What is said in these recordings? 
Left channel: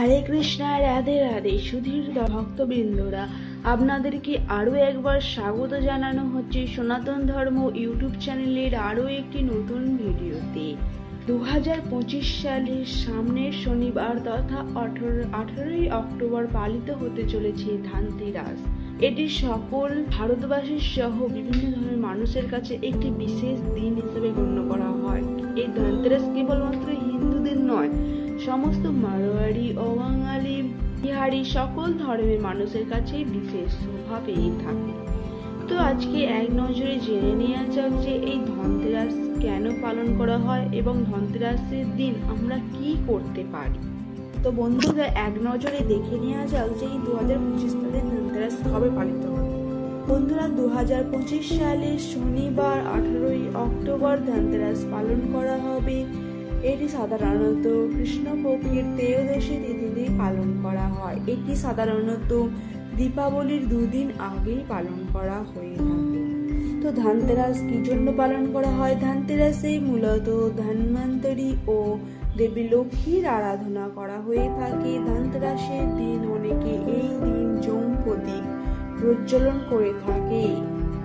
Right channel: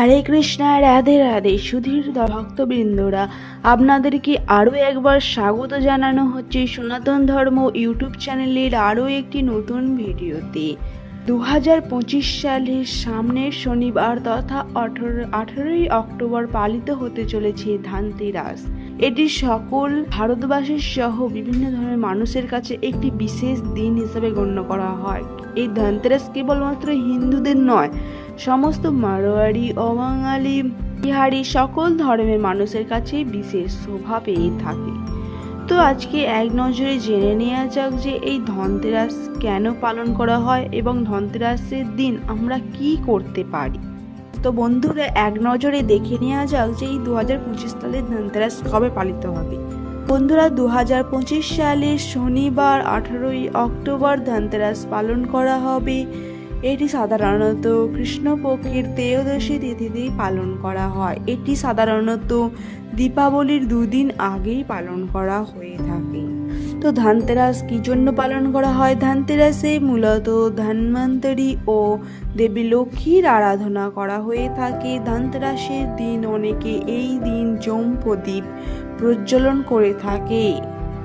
হরে কৃষ্ণা, রাধে রাধে। সুধীর ভক্তবৃন্দরা, আপনাদেরকে আরও একবার স্বাগত জানানো হচ্ছে সনাতন ধর্ম ইউটিউব চ্যানেলের আরও একটি নতুন ভিডিওতে। দু হাজার পঁচিশ সালের সামনের শনিবার তথা আঠারো, আঠারোই অক্টোবর পালিত হতে চলেছে ধানতেরাস। এটি সকল ভারতবাসীর সহ বিভিন্ন ধরনের মানুষের কাছে একটি বিশেষ দিন হিসেবে গণ্য করা হয়। এই ধনতেরাস কেবলমাত্র হিন্দুদের নয়, সমস্ত মারোয়ারি অবাঙালি বিহারি সকল ধর্মের মানুষের কাছে বিশেষ শোভা পেয়ে থাকে। তো আজকে এক নজরে জেনে নেওয়া যাক যে এই ধনতেরাস কেন পালন করা হয় এবং ধনতেরাসের দিন আমরা কি করতে পারি। তো বন্ধুরা এক নজরে দেখে নেওয়া যাক যে এই দু হাজার পঁচিশ সালের ধনতেরাস কবে পালিত হবে। বন্ধুরা দু হাজার পঁচিশ সালের শনিবার আঠারোই অক্টোবর ধনতেরাস পালন করা হবে। এটি সাধারণত কৃষ্ণপক্ষের ত্রয়োদশী তিথিতেই পালন করা হয়। এটি সাধারণত দীপাবলির দুদিন আগেই পালন করা হয়ে থাকে। তো ধানতেরাস কি জন্য পালন করা হয়? ধানতেরাসে মূলত ধন্বন্তরী ও দেবী লক্ষ্মীর আরাধনা করা হয়ে থাকে। ধানতেরাসের দিন অনেকে এই দিন জম প্রদীপ প্রজ্বলন করে থাকে।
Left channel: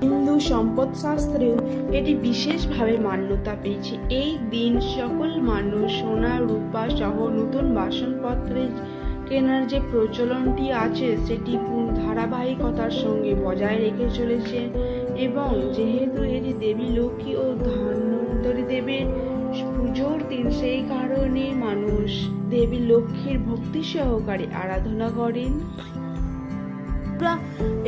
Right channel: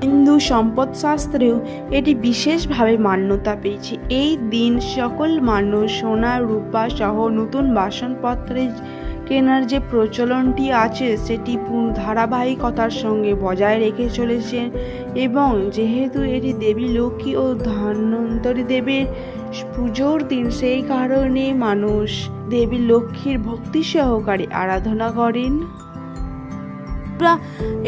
হিন্দু সম্পদ শাস্ত্রেও এটি বিশেষভাবে মান্যতা পেয়েছে। এই দিন সকল মানুষ সোনা, রূপা সহ নতুন বাসনপত্রে কেনার যে প্রচলনটি আছে, সেটি ধারাবাহিকতার সঙ্গে বজায় রেখে চলেছে এবং যেহেতু এটি দেবী লক্ষ্মী ও ধন্বন্তরী দেবের পুজোর দিন, সেই কারণে মানুষ দেবী লক্ষ্মীর ভক্তি সহকারে আরাধনা করেন।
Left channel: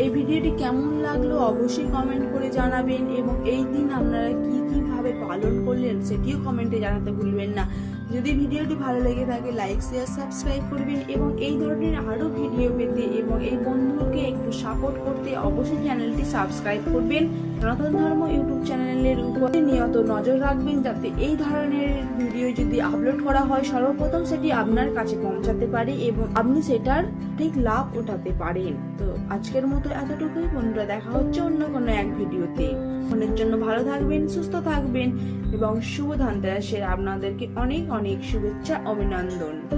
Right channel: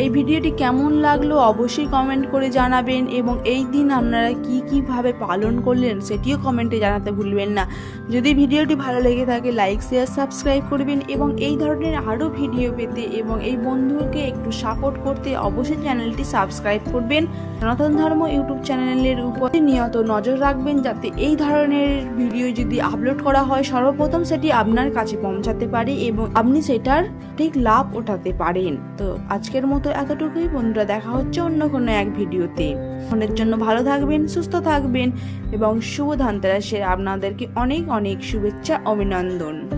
এই ভিডিওটি কেমন লাগল অবশ্যই কমেন্ট করে জানাবেন এবং এই দিন আপনারা কি, কীভাবে পালন করলেন সেটিও কমেন্টে জানাতে ভুলবেন না। যদি ভিডিওটি ভালো লেগে থাকে লাইক শেয়ার সাবস্ক্রাইব করবেন এবং এই ধরনের আরও ভিডিও পেতে এবং এই বন্ধুকে একটু সাপোর্ট করতে অবশ্যই চ্যানেলটি সাবস্ক্রাইব করবেন। সনাতন ধর্ম ইউটিউব চ্যানেলের উপর নিয়ত নজর রাখবেন যাতে এই ধরনের ভিডিও যদি আপলোড করা হয়, সর্বপ্রথম সেটি আপনার কাছে পৌঁছাতে পারে এবং আপনি সেটার ঠিক লাভ ওঠাতে পারেন। তো আজকের মতো এতটুকুই। বন্ধুরা, দেখা হচ্ছে অন্য কোনো এক ভিডিওতে। ফোনের জন্য ভালো থাকবেন, সুস্থ থাকবেন এবং শুভ ধানতেরাসের আপনাদেরকে অনেক অনেক শুভেচ্ছা, অভিনন্দন।